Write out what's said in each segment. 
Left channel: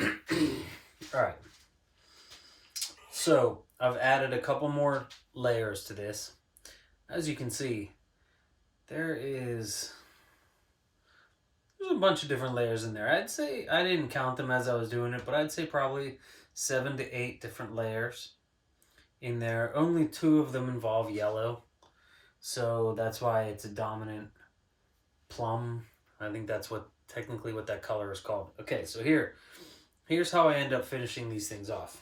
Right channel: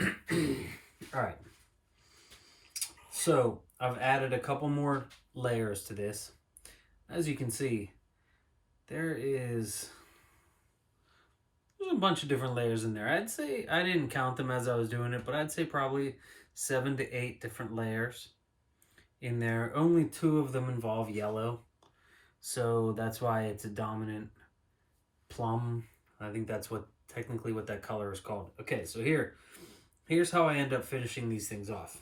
All right. So I've added a couple more layers to this. As you can see, there's a bunch of different layers in there. I'd say I didn't count them as I was doing it, but I'd say probably 7 to 8 different layers in there. Only 2 of them involve yellow, so that's why it's a dominant plum. I think that's what technically what that color is called. Okay, so here's how I end up finishing these things off.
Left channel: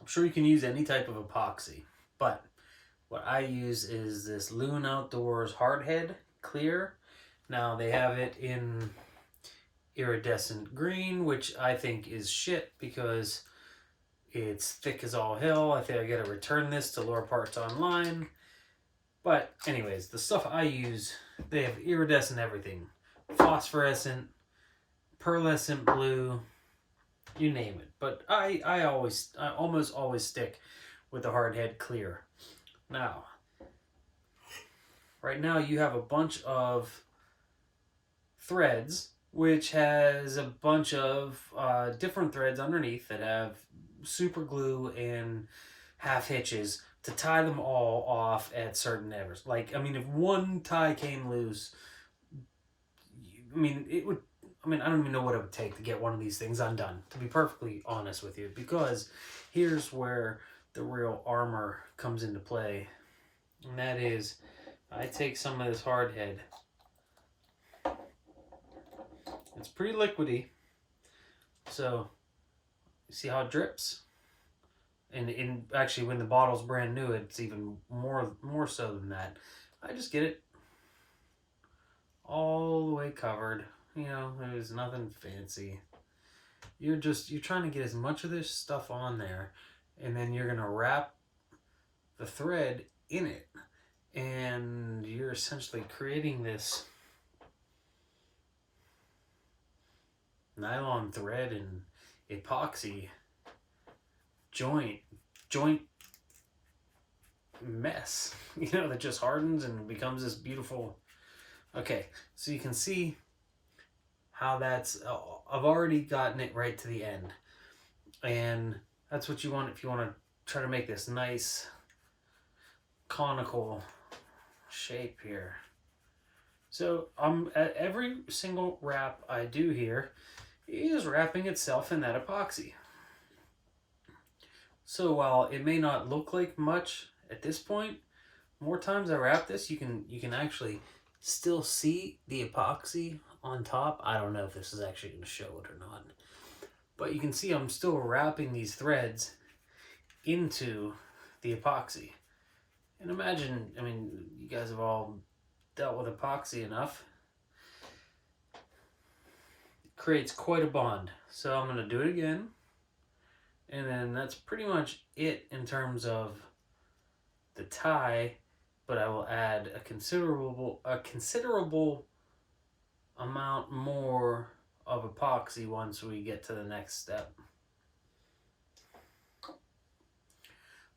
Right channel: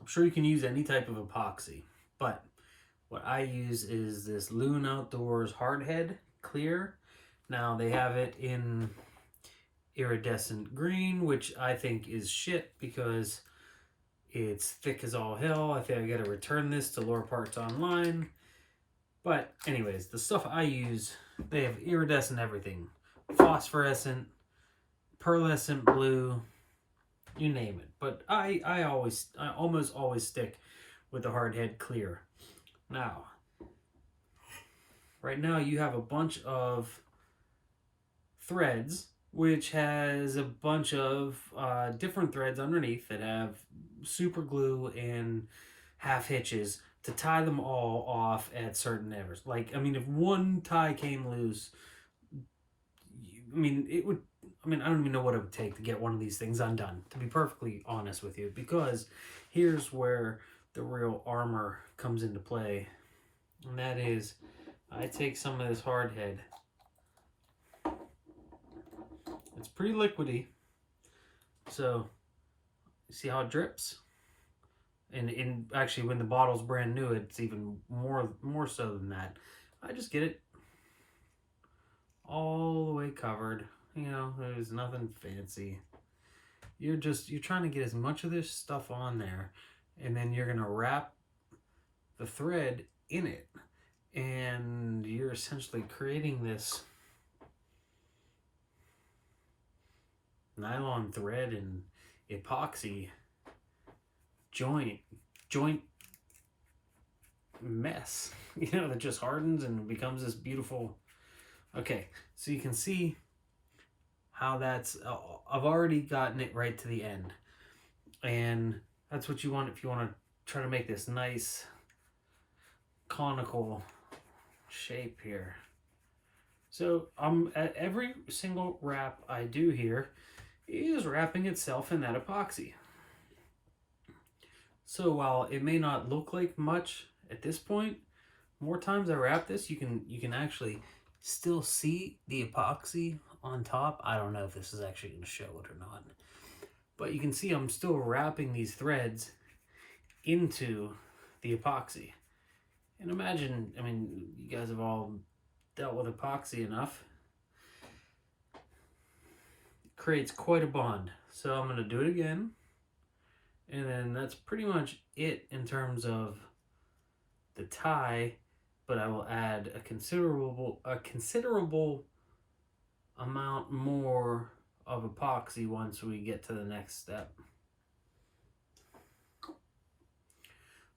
I'm sure you can use any type of epoxy, but what I use is this Loon Outdoors Hardhead Clear. Now they have it in iridescent green, which I think is shit because it's thick as all hell. I think I gotta return this to Lower Parts Online. But anyways, the stuff I use, they have iridescent everything. Phosphorescent, pearlescent blue, you name it. But I almost always stick with the Hardhead Clear. Now, right now you have a bunch of threads, which has a bunch of different threads underneath that have super glue and half hitches to tie them all off at certain errors. Like, I mean, if one tie came loose, I mean, it would. I mean, I don't even know what it would take to get one of these things undone, to be perfectly honest with you, because here's where the real armor comes into play. And that is, I take some of this hardhead. It's pretty liquidy. So, you see how it drips? And actually, when the bottle's brand new, it's even more so than that. I just get it all the way covered. You know, there's nothing fancy. You're trying to get as much of this stuff on there, and then you're gonna wrap the thread in it, and you're essentially creating this nylon thread and epoxy joint mess, you know, that just hardens and becomes this beautiful. Okay, so you can see how that's I've already gotten it right to the end, and that's what you want if you want to try to make this nice conical shape here. So at every single wrap I do here is wrapping itself in that epoxy. So while it may not look like much at this point, more times I wrap this, you can actually still see the epoxy on top. I don't know if this is actually going to show it or not, but you can see I'm still wrapping these threads into the epoxy. And imagine, I mean, you guys have all dealt with epoxy enough. It creates quite a bond. So I'm going to do it again. And then that's pretty much it in terms of the tie, but I will add a considerable amount more of epoxy once we get to the next step.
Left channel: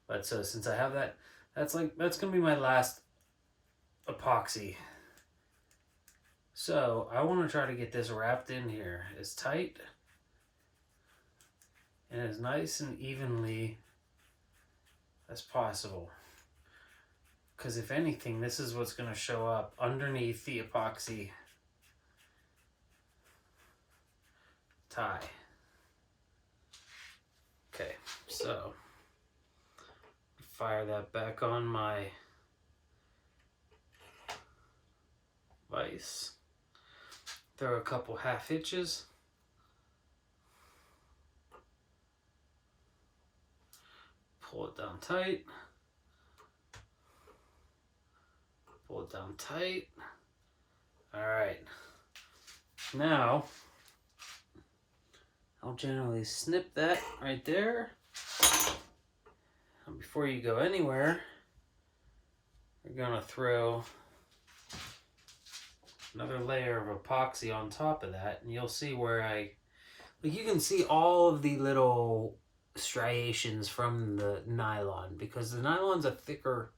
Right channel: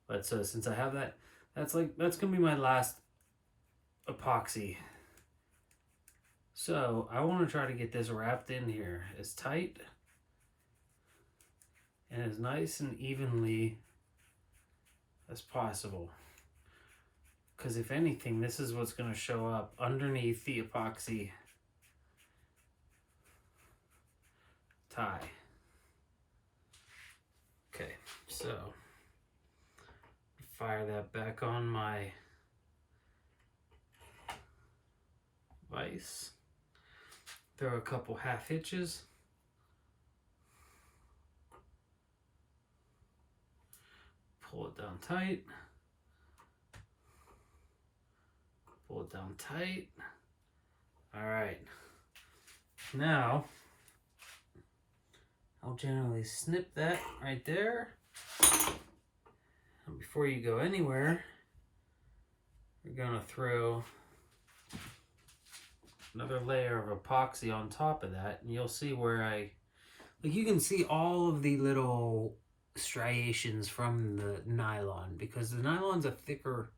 But so since I have that, that's gonna be my last epoxy. So I want to try to get this wrapped in here as tight and as nice and evenly as possible. Because if anything, this is what's going to show up underneath the epoxy tie. Okay, so fire that back on my vise. Throw a couple half hitches. Pull it down tight. Pull it down tight. All right. Now, I'll generally snip that right there. And before you go anywhere, we're gonna throw another layer of epoxy on top of that, and you'll see where you can see all of the little striations from the nylon, because the nylon's a thicker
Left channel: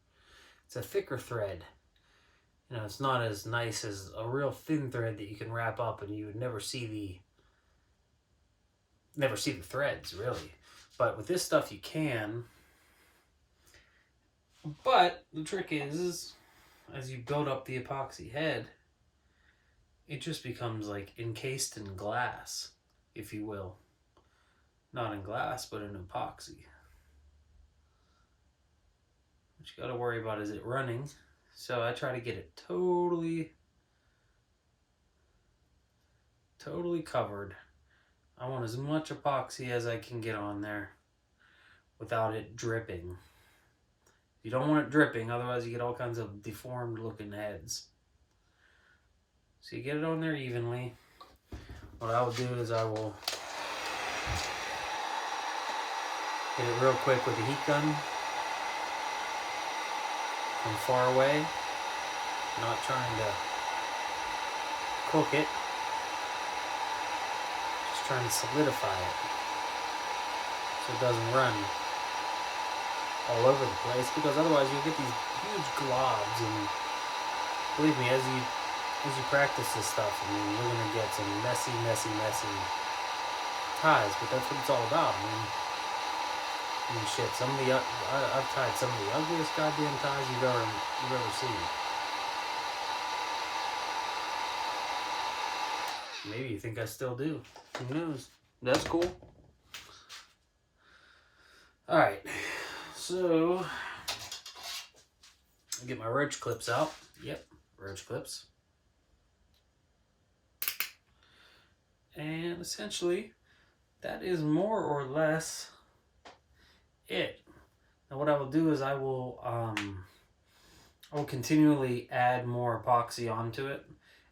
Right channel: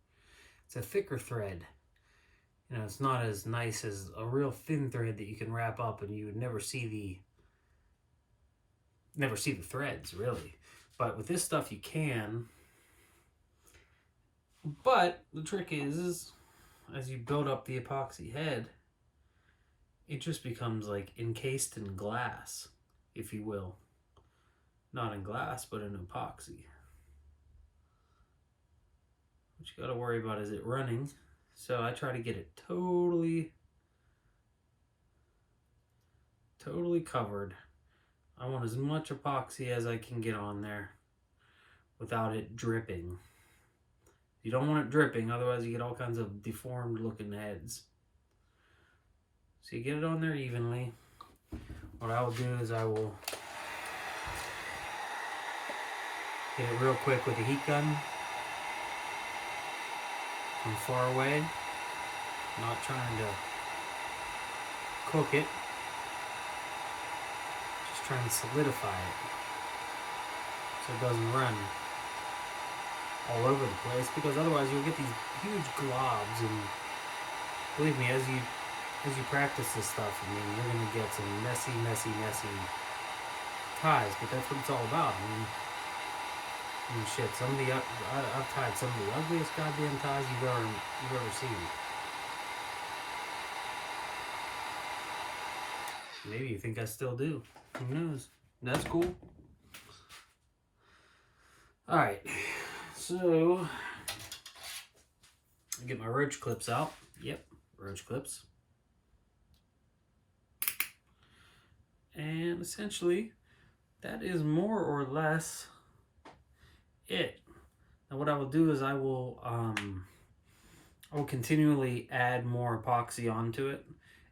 it's a thicker thread. You know, it's not as nice as a real thin thread that you can wrap up and you would never see the threads really. But with this stuff you can. But the trick is as you build up the epoxy head, it just becomes like encased in glass, if you will. Not in glass, but in epoxy. What you gotta worry about is it running. So I try to get it totally covered. I want as much epoxy as I can get on there without it dripping. You don't want it dripping, otherwise you get all kinds of deformed looking heads. So you get it on there evenly. What I'll do is I will get it real quick with a heat gun from far away. Not trying to cook it, just trying to solidify it so it doesn't run all over the place, because otherwise you'll get these huge globs, and believe me, as you practice this stuff, I mean, you're gonna get some messy ties, but that's what it's all about. I mean shit, I've tied some of the ugliest goddamn ties you've ever seen. Maybe you think I still do. Who knows? That's cool. Alright, so I'll get my roach clips out. Yep, roach clips. And essentially, that is more or less it. Now what I will do is I will continually add more epoxy onto it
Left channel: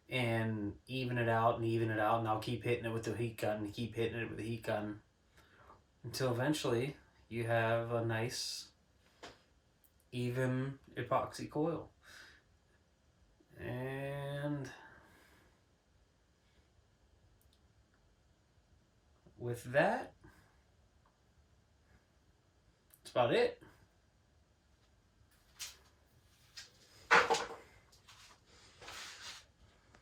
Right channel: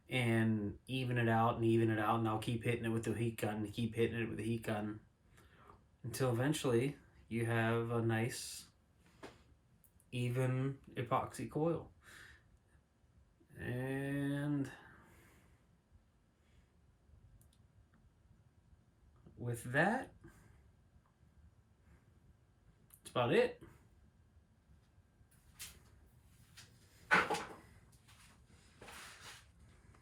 and even it out, and I'll keep hitting it with the heat gun, until eventually you have a nice even epoxy coil. And with that, that's about it.